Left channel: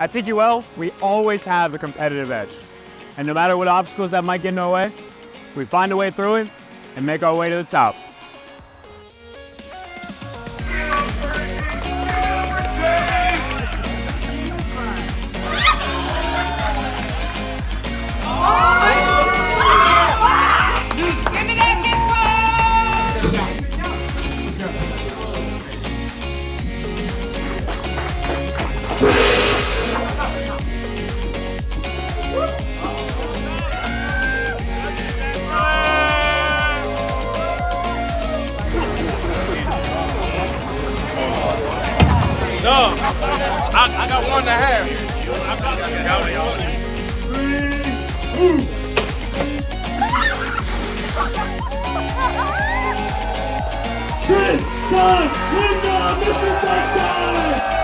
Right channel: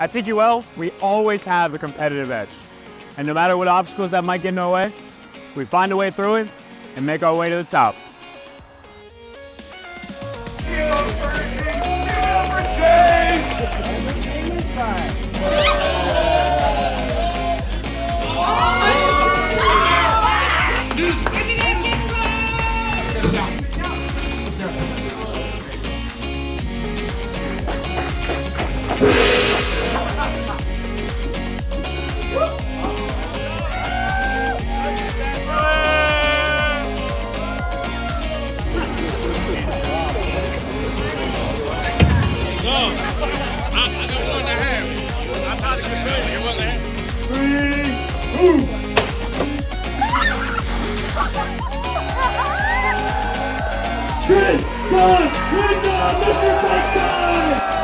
At TQL, we always have a competitive edge. And no matter what obstacles that might get in our way, we find a way through it and make our way to the top. I got 1.5. I'm trying to get down. 3, 2. Good time! Good time! Mr. Touchdown!